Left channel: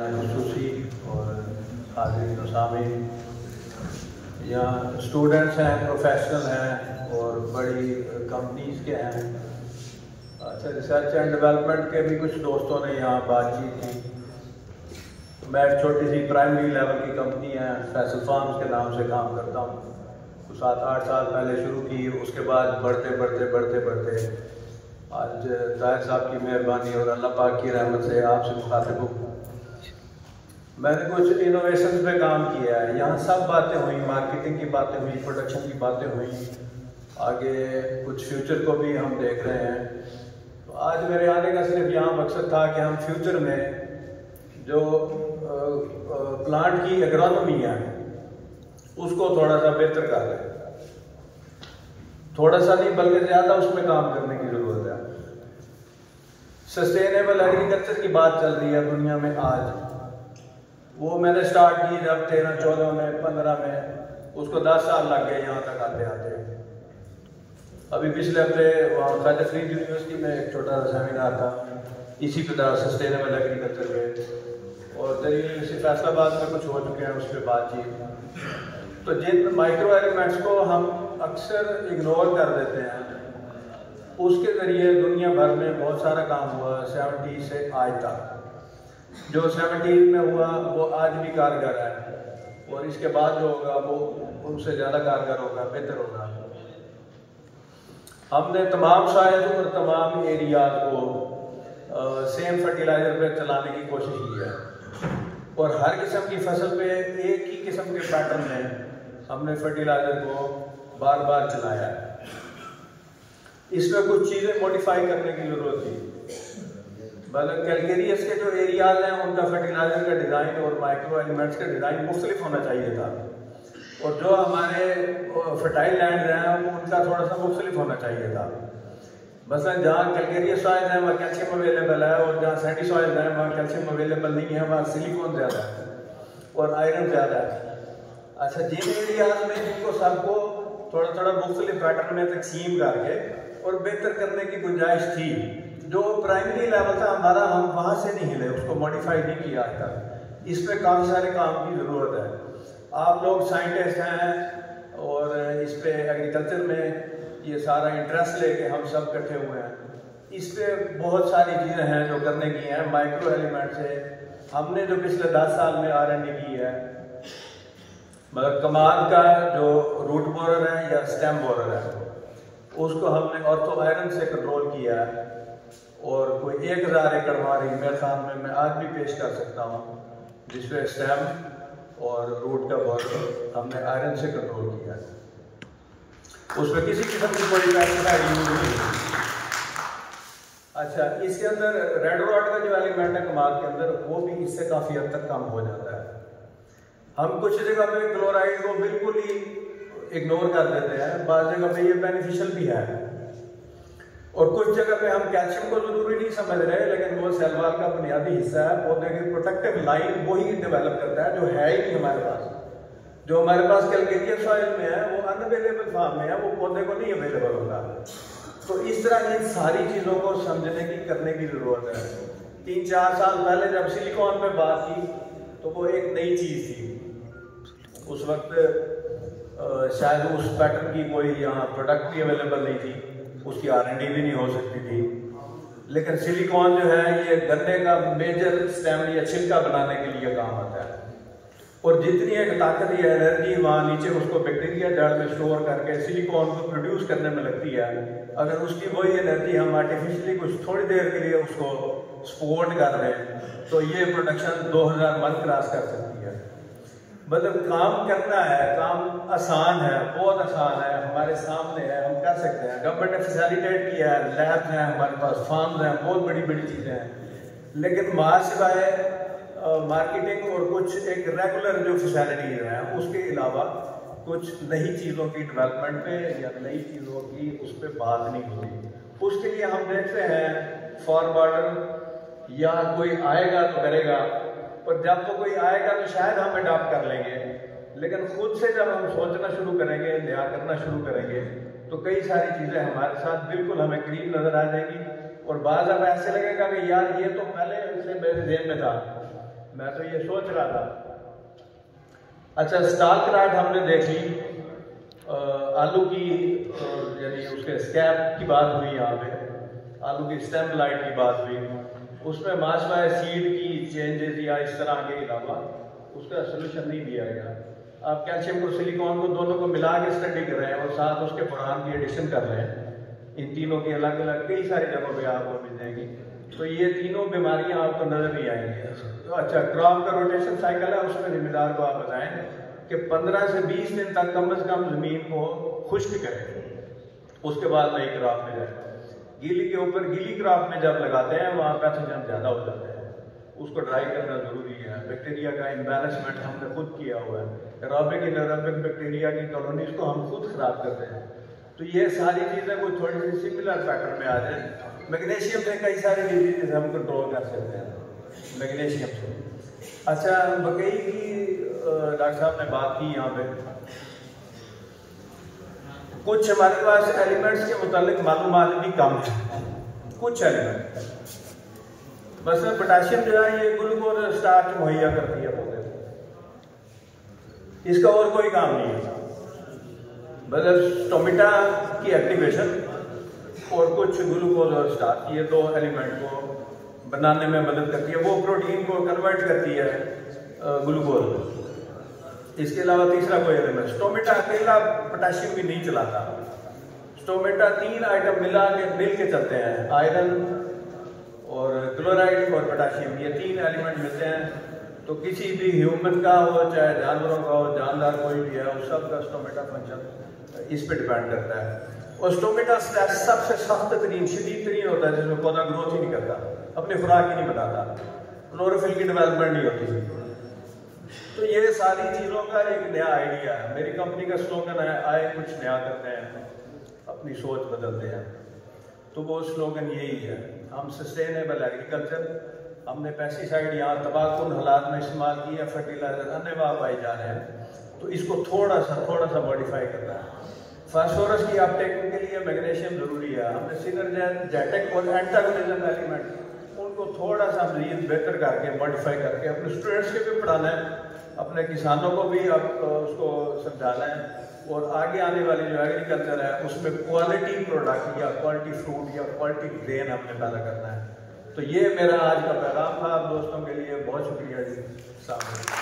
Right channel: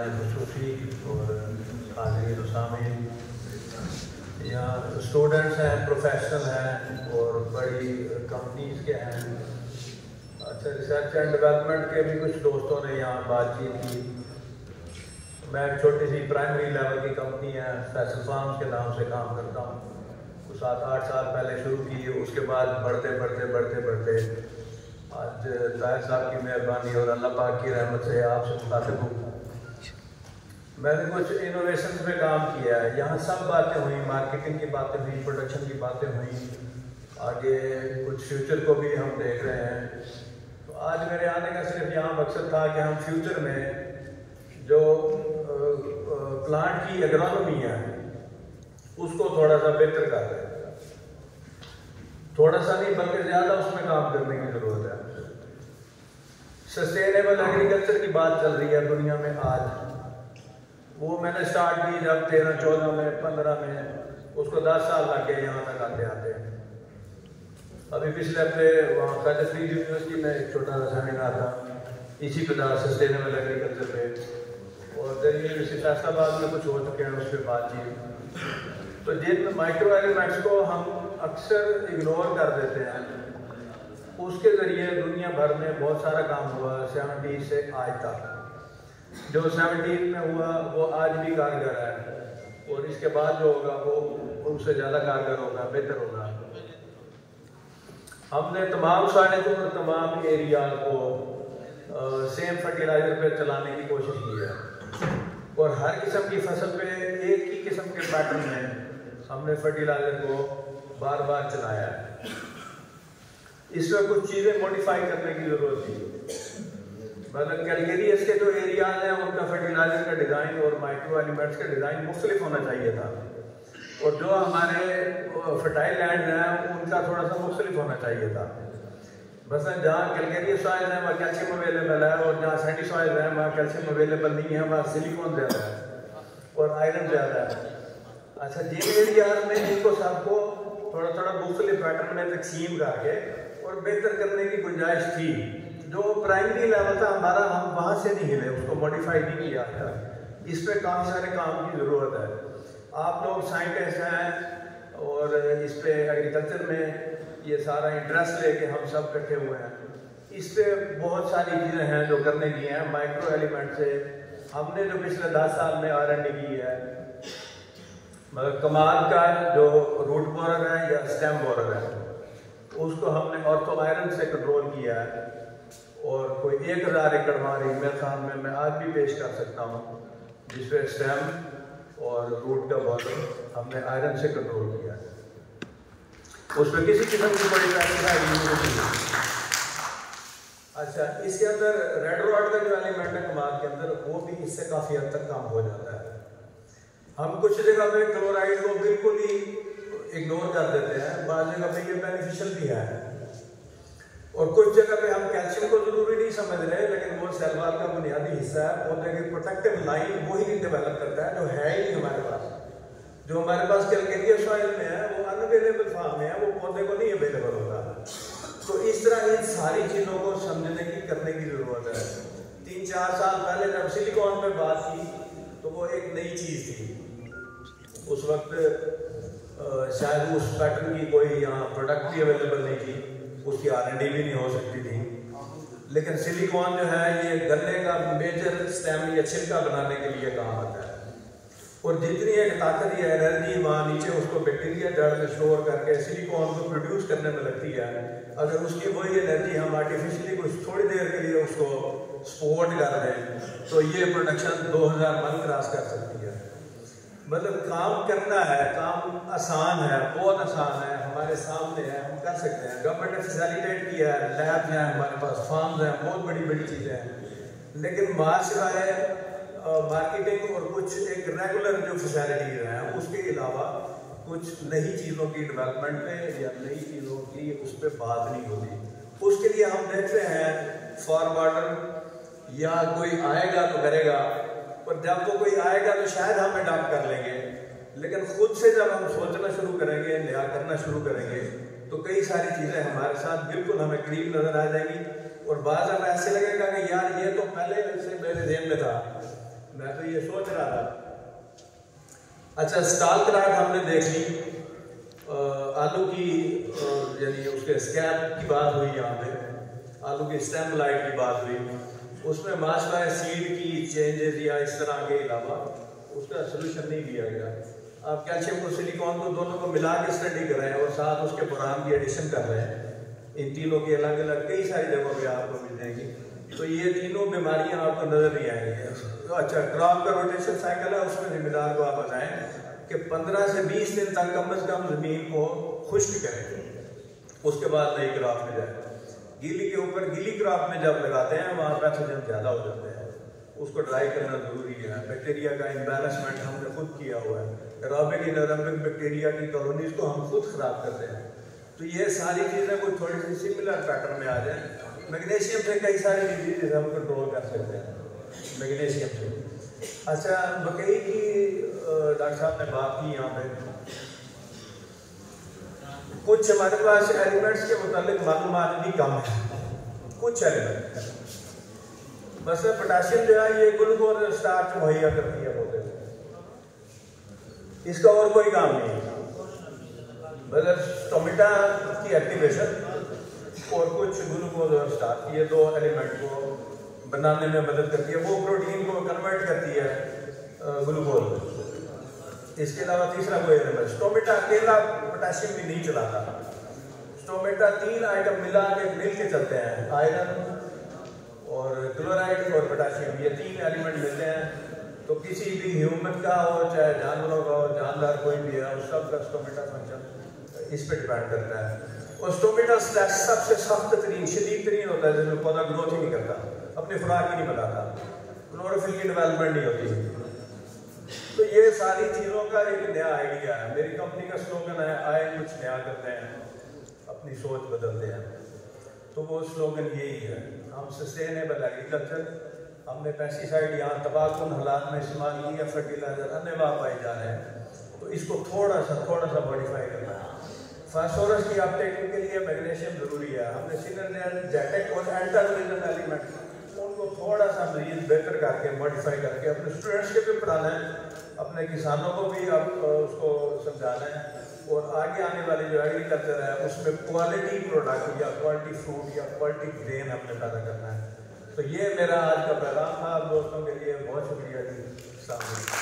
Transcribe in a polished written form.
खसूसी और हाज़रीन सामीन या स्टूडेंट्स हैं, प्रोफेशनल हैं और बड़ी कंपनीज़ के हैं। अच्छा, रिसर्च एंड डेवलपमेंट के भी कुछ दोस्तों ने यहाँ बातचीत की। मैं एक छोटी सी प्राइमरी लेवल की कंपनी है, फैसल फार्म्स के नाम से काम करता हूँ। तो 7-8 साल पहले शुरू की, उसके बाद बढ़ते आज जाहिर साहब की मेहरबानी और अल्लाह पाक की रहमत से आपसे मुखातिब हूँ। मैंने कुछ इनोवेशन पे काम किया है। यहाँ सब बातें हुई, मार्केटिंग की बातें हुई, प्रोडक्शन की बातें हुई, आगे कुछ फ्यूचर को भी हम देख रहे हैं। आज मेरे आने का सिर्फ यहाँ मकसद था कि हम फ्यूचर में जो प्लांट की एग्रोनॉमी है उसको थोड़ा सा बेहतर कर लें, थोड़ा सा नहीं बल्कि ज़्यादा उसमें काम करने की ज़रूरत है। सस्टेनेबल एग्रीकल्चर की बात चल रही है दुनिया में आज। वो मैंने स्टार्ट की जब 13-14 में 15 में, उसको 10 साल लग गए यहाँ तक आते। अभी पिछले हफ्ते वहाँ ख्वाजा फरीद यूनिवर्सिटी में एक छोटा सा सेमिनार था इसी प्रकार सस्टेनेबल एग्रीकल्चर में, और दिल्ली यूनिवर्सिटी फैसलाबाद में कुछ हो चुके हैं उस पर बातचीत। तो जिन माइक्रो एलिमेंट्स को हम अक्सर इग्नोर कर देते हैं, उसके ज़रिए दुनिया भर में बहुत सारा काम हुआ 70 से आज तक। जो 70 में हुआ वो आज भी कारगर है, और इसके बाद जो होगा वो उनसे ज़्यादा कारगर होगा, बेहतर होगा। हमने तमाम साइज और तमाम एरिया को सेम फर्टिलाइजर पे चलाने की कोशिश की है, और हर किस्म की फसल पे एक ही किस्म के पैटर्न में हमने फर्टिलाइजर को बार बार चलाया है। इसमें कुछ चीज़ें मॉडिफाई करने की ज़रूरत थी। मतलब कैलकेरियस के जो एरियाज हैं उनका फर्टिलाइजर का डिज़ाइन और माइक्रो एलिमेंट्स का डिज़ाइन मुख्तलिफ होना चाहिए था, और जो हमारे फर्टाइल लैंड हैं उनका थोड़ा सा मुख्तलिफ होना चाहिए था। बस जहाँ कैलकेरियस सॉइल है वहाँ कैल्शियम अवेलेबल है, और जहाँ सैंडी सॉइल है वहाँ कैल्शियम अवेलेबल नहीं है, वहाँ सिलिकॉन ज़्यादा है और आयरन ज़्यादा है। अच्छा, जिन एरियाज में इनको सबको थोड़ा थोड़ा मुख्तलिफ पैटर्न में तकसीम करके और बेहतर करने की गुंजाइश थी, जो प्राइमरी लेवल था हमारा, हम वहाँ से नहीं हिले, उसको मॉडिफाई नहीं किया था। इस पे काफ़ी सारे काम की ज़रूरत है। आप लोग साइंटिस्ट हैं और इस पे एग्रीकल्चर में ये सारा इंटरेस्ट लेके हम सब इकट्ठे हुए हैं। इस पे बहुत सारी चीज़ें हैं जो करने की हैं। माइक्रो एलिमेंट से हमने जो पिछले 10 साल में R&D की है, मतलब कमाल का जो रूट बोरर है या स्टेम बोरर है, उसको हमने ऑर्थो आयरन से कंट्रोल किया है, और कोई 1000 एकड़ हमारे मेरे सामने में आज भी पेश कर सकता हूँ, जिसमें स्टेम और रूट का बोरर हमने आयरन से कंट्रोल किया है। उसमें किसी किस्म की कोई नहीं। अच्छा, इसके अंदर रेड रॉड का जो एलिमेंट है कमाल के अंदर, वो भी इससे काफ़ी हद तक कम हो जाता है। हम कुछ जगह पे क्लोराइड को बिल्कुल ही इग्नोर कर देते हैं, बाद जगह पे ये बेनिफिशियल भी है, और कुछ जगह पे हम कैल्शियम को जरूरी नहीं समझ रहे, लेकिन वो सेल वॉल का बुनियादी हिस्सा है। पौधे की प्रोटेक्टिव लाइन वो ही डेवलप करता है, जो है ही नहीं हमारे पास। जो हमारे पास कैलकेरियस सॉइल में है वो अनअवेलेबल फॉर्म में है, वो पौधे को नहीं अवेलेबल होता। तो इस तरह इन सारी चीज़ों को समझने की, करने की जरूरत है। 3-4 साल पहले जब सिलिकॉन पे बात की तो वो एक नई चीज़ थी। उस वक्त शायद उस पैटर्न की कोई यहाँ प्रोडक्ट भी अवेलेबल नहीं थी, उसकी R&D भी नहीं हो सकती थी। लेकिन सिलिकॉन जो है ये गन्ने का मेजर स्टेम या छिलका बनाने के लिए काम आता है, और जितनी एक ताकत या एनर्जी वहाँ नीचे उसको बैक्टीरिया जड़ में स्टोर करके सिलिकॉन को प्रोड्यूस करने में लगती है, अगर उसकी वही एनर्जी हम आर्टिफिशियली कुछ थोड़ी देर के लिए उसको सपोर्ट कर रहे हैं तो ये प्रोडक्शन 2000 मन क्रॉस कर सकती है। मतलब काम करना है, काम आसान है, बहुत आसान है, हमारे सामने है, हम कर सकते हैं। गवर्नमेंट ने फैसिलिटेट किया है, लैब्स हैं हमारे पास, फार्म्स हैं, बहुत बड़ी बड़ी चीज़ें हैं, लेकिन मार सिवाय मार्केटिंग और कुछ एक रेगुलर जो फैसिलिटीज हैं उसके अलावा कुछ नई चीज़ों की डेवलपमेंट पे या नई चीज़ों की उस पर बात नहीं होती। उसके लिए हम देखते हैं फॉरवर्डर या कोई आएगा तो करेगा, और जब वो कोई आएगा तो शायद हम अडॉप्ट कर लेंगे, लेकिन खुद से जब हम सोचना शुरू करेंगे, नया करना शुरू करेंगे, तो कई सारी चीज़ें हमारे साथ बिल्कुल हमें करीब नज़र आ जाएगी, और बाद अब ऐसे लगेगा कि यार ये तो पहले से मेरे जेब में था, मैं तो ये सोच रहा था। अच्छा, स्टाल क्राइट हमने देख ली, आलू की यानी उसके स्कैब की बात हुई, यहाँ पे आलू की स्टेम लाइट की बात हुई, उसमें माशवा सीड की चेंजेस या इस तरह के अलावा उसका सोल्यूशन नहीं दिया गया। आप कैल्शियम और सिलिकॉन को दोनों को मिला के स्टडी करें और साथ उसके बोरान की एडिशन कर लें, इन तीनों की अलग अलग कई सारी जगहों पे आपको मिल जाएगी, तो ये तीनों बीमारियां आपको नजर नहीं आएंगी। अच्छा, क्रॉप का रोटेशन साइकिल है, उसमें जिम्मेदार को आप बताएं कि 15 से 20 दिन तक कम से कम जमीन को खुश्क करें, उसके बाद नई क्रॉप में जाए। गीली के ऊपर गीली क्रॉप में जब लगाते हैं वहाँ पैथोजन ज़्यादा हो जाता है, उसको ड्राई करना जरूरी है। बैक्टीरिया का इम्बैलेंसमेंट हमने खुद किया हुआ है, एरोबिक एनारोबिक बैक्टीरिया की कॉलोनीज को हम खुद खराब करते हैं। तो ये सारी चीज़ें कोई थोड़ी सी सिमिलर पैटर्न में आ जाए। मैग्नीशियम से कई सारी डिजीज हम कंट्रोल कर सकते हैं मैग्नीशियम से। अच्छा, मकई की डॉक्टर साहब ने बात की, यहाँ पे कुछ हमारे पास एलिमेंट्स के मुतालिक मालूमात भी कम है, कुछ एलिमेंट बस पोटेशियम जो है ये ग्लूकोज स्टार्च मुहैया करती है पौधे को, इसका और कोई काम नहीं है। मतलब स्टोमेटा की एक्टिवेशन और कुछ ग्लूकोज और स्टार्च, ये दो एलिमेंट को बनाने में मदद करती है, वो प्रोटीन को कन्वर्ट करती है ग्लूकोज। इसके अलावा तीसरा कोई एलिमेंट, स्टोमेटा अकेला पोटेशियम भी नहीं चलाता। स्टोमेटा 3 आइटम मिल के चलते हैं, आयरन और क्लोराइड और पोटेशियम, ये 3 एलिमेंट मिलते हैं। तो किसी भी ह्यूमन का हो चाहे जानवरों का हो, जानदार कोई भी है, उस सब का स्टोमेटा फंक्शन इस पे डिपेंड करता है। और स्टोमेटा सबसे सख्त तरीन शदीद तरीन होता है, जिसमें पौधा ग्रोथ ही नहीं करता, अपने खुराक ही नहीं बनाता, क्लोरोफिल की डेवलपमेंट नहीं होती। तो ये सारी चीज़ों का एक नया आइडिया है। मेरी कंपनी का स्लोगन है, आए कुछ नया करते हैं, अपनी सोच बदलते हैं। तो वो स्लोगन यही है, हम सस्टेनेबल एग्रीकल्चर, हमने पेस्टिसाइड यहाँ तबाहकुन हालात में इस्तेमाल किया, फर्टिलाइजर अन्य पाए जा रहे हैं, तो इसको थोड़ा सा मॉडिफाई करना है। फास्फोरस की अपटेक के लिए मैग्नीशियम जरूरी है, हमने सिनर्जेटिक और एंटागोनिज्म एलिमेंट उनको थोड़ा सा मजीद बेहतर करके मॉडिफाई करके अपने स्टूडेंट्स के भी पढ़ाना है, अपने किसानों को भी आप उसको समझाना है, और आगे आने वाली जो एग्रीकल्चर है उसमें क्वालिटी प्रोडक्ट या क्वालिटी फ्रूट या क्वालिटी ग्रेन हमने पैदा करना है। तो ये मेरा आज का पैगाम था आप दोस्तों के लिए। बहुत शुक्रिया जी।